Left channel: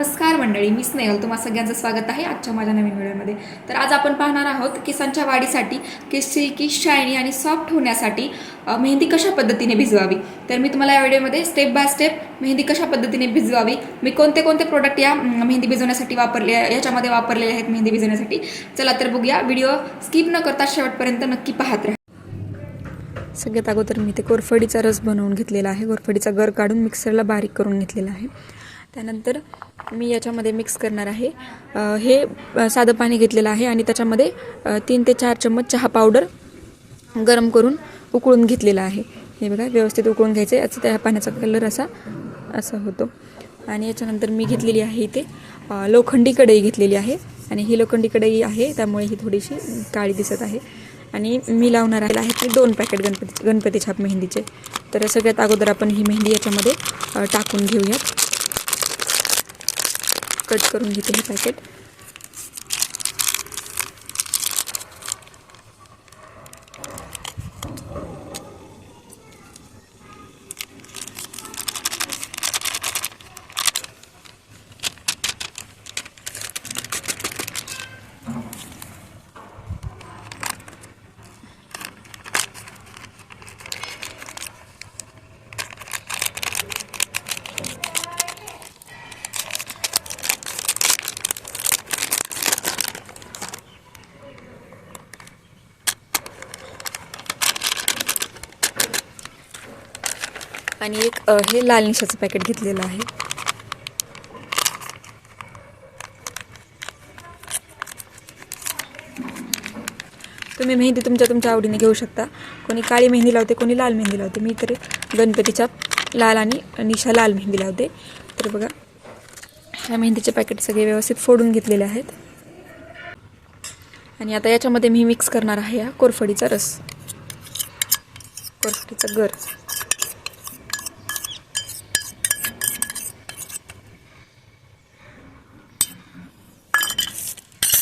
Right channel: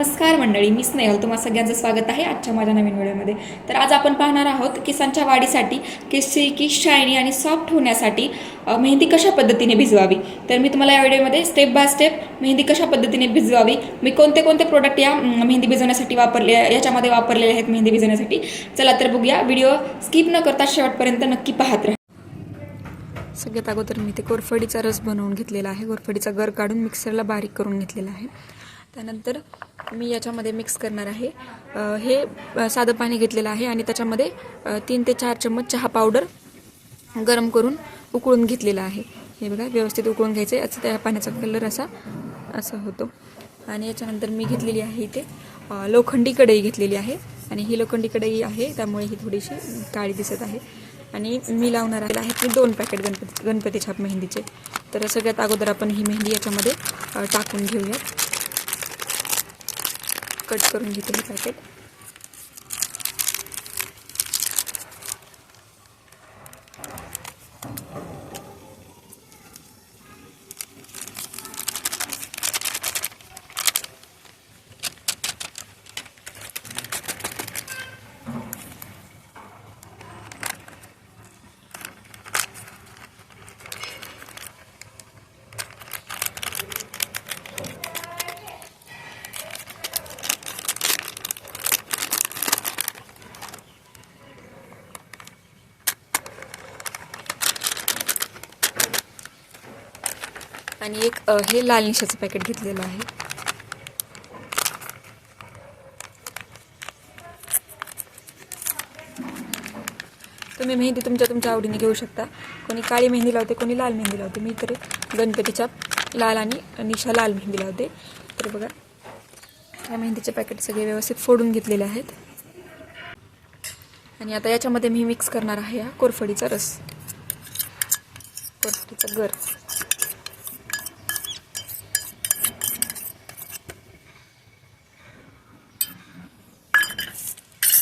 नमस्कार मंडळी, मी स्नेहल. तुम्हा सगळ्यांचं स्वागत आहे आजच्या माझ्या नवीन व्हिडिओमध्ये. तर आज आपण पाहणार आहोत केसांच्या वाढीसाठी केस सिल्की, शायनी आणि सॉफ्ट होण्यासाठी मेहंदी कशा पद्धतीने भिजवावी. तर मी तुम्हाला या व्हिडिओमध्ये स्टेप बाय स्टेप मेहंदी कशा पद्धतीने भिजवावी, मी कोणते कोणते प्रोडक्ट या मेहंदी भिजवण्यासाठी याच्यामध्ये वापरलेले आहेत मेहंदी भिजवण्यासाठी. चला तर बघूया. व्हिडिओ स्किप न करता शेवटपर्यंत नक्की पाहत राहा. सगळ्यात अगोदर मी ते कोरफडीचा रस बनवून घेतलेला आहे. कोरफडीचा गर काढून मिक्सरला बारीक करून घेतलेला आहे. त्यानंतर मी याच्यामध्ये मिक्स करणार आहे हे साधं पाणी घेतलेलं आहे आणि त्याच्यामध्ये 3 ते 4 चम्मच चहा पावडर गरम करून उकळून घेतलेला आहे. हे बघा, व्यवस्थित उकळून घ्यायचे. याचा त्या पाण्याचा कलर असा होतो. आणि याच्यानंतर मी घेतलेली आहे इथे लोखंडी कढई घेतलेली आहे आणि ही लोखंडी कढई आहे, त्यामुळे ही थोडीशी काळी दिसत आहे. आणि मी लावणार आहे 2 पॅकेट गणपती छाप मेहंदीचे. तर सगळ्यात अगोदर आपण ही मेहंदी याच्यामध्ये टाकून घेऊयात. कट करून घेते हे पॅकेट. आणि एक हे लाल निशाचं पॅकेट घेतलेलं आहे. तुम्ही मेहंदी तुमच्या आवडीने घेऊ शकता. कोणी काळी मेहंदी लावते, कोणी लाल मेहंदी लावते. मी तरी गणपतीच्या लाल आणि निशा लाल मेहंदी लावते. तर बघा, ह्या मेहंदीचे पॅकेट सगळे व्यवस्थित फोडून घेतलेले आहेत. आणि आता याच्यामध्ये मी मिक्स करणार आहे हा कोरफडीचा रस, कोरफडीचा गर.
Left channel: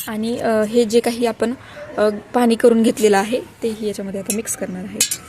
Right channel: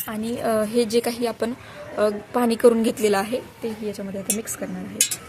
आणि हे जे काही आपण पाणी करून घेतलेलं आहे तेही याच्यामध्ये आता मिक्स करणार आहे.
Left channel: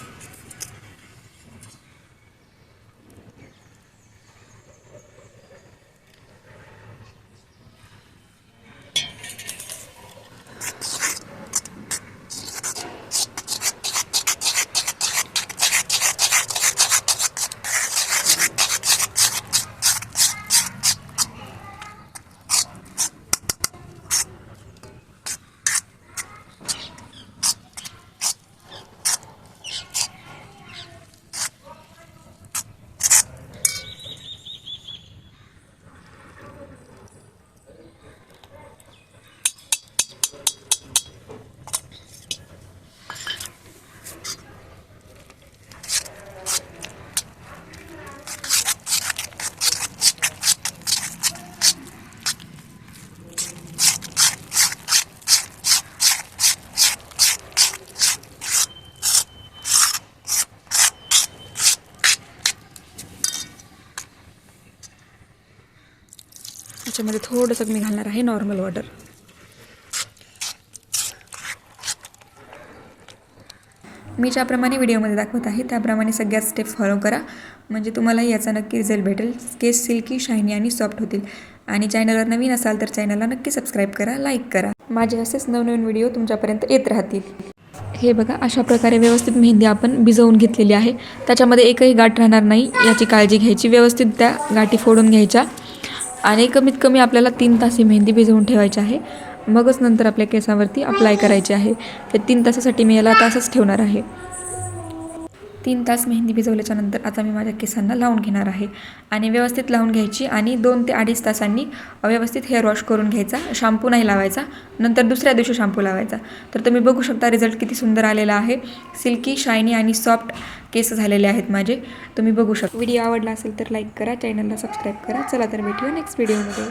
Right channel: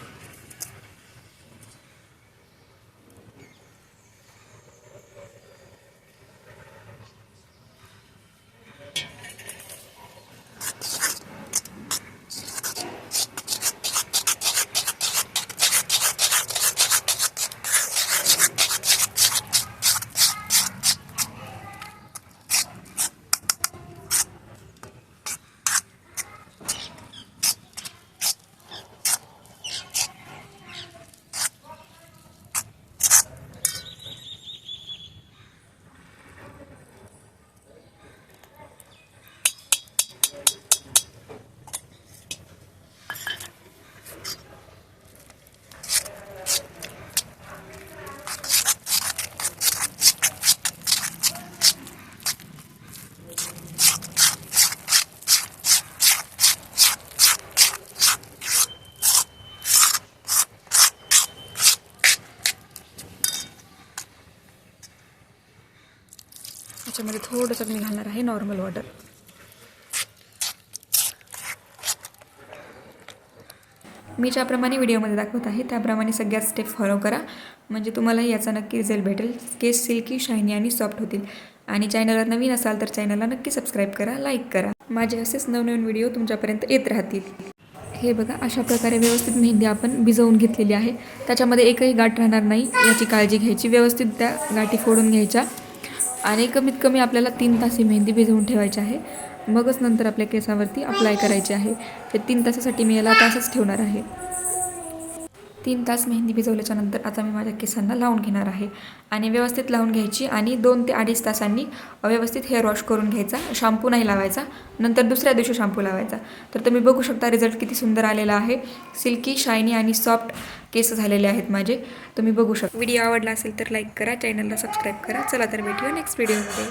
याच्यामध्ये थोडंसं मी घालणार आहे नॉर्मल वॉटर. मी ज्याप्रमाणे व्हिडिओमध्ये दाखवत आहे त्याप्रमाणे सगळ्यात स्टेप फॉलो करा, म्हणजे तुम्हालाही याचा नक्की रिझल्ट भेटेल. केस सिल्की, शायनी आणि सॉफ्ट होतील. आणि चॅनलवर नवीन असाल तर चॅनलला नक्की सबस्क्राईब करा, लाईक करा. माझे असेच नवनवीन व्हिडिओ तुमच्यापर्यंत येत राहतील. हे बघा, अशा प्रकारे व्यवस्थित मेहंदी आपण भिजवून घेतलेली आहे. त्याच्यामध्ये एकही गाठ राहणार नाही याची काळजी घ्यायची. व्यवस्थित त्या गाठी फोडून घ्यायच्या आणि कमीत कमी आपल्याला 3 तास ही मेहंदी भिजवून ठेवायची आहे. मगच नंतर आपल्या केसावरती अप्लाय करायची आहे. ते 3 तासासाठी मी याला तासच ठेवणार आहे. 3 तास मेहंदी भिजवल्याच्या नंतर आता मी माझ्या केसांना लावून घेणार आहे. आणि व्यवस्थित लावून घ्यायची आणि 2 ते 2.5 तासांनी व्यवस्थित हेअर वॉश करून घ्यायचा. शॅम्पू नाही लावायचा, नंतर दुसऱ्या दिवशी शॅम्पू लावायचा. तर तुम्ही बघू शकता रिझल्ट किती सुंदर आलेला आहे. सिल्की, शायनी आणि सॉफ्ट केस झालेले आहेत माझे. तुम्ही बघू शकता. व्हिडिओ आवडला असेल तर लाईक करा, चॅनलला सबस्क्राईब करा. चला तर भेटूया नेक्स्ट व्हिडिओमध्ये.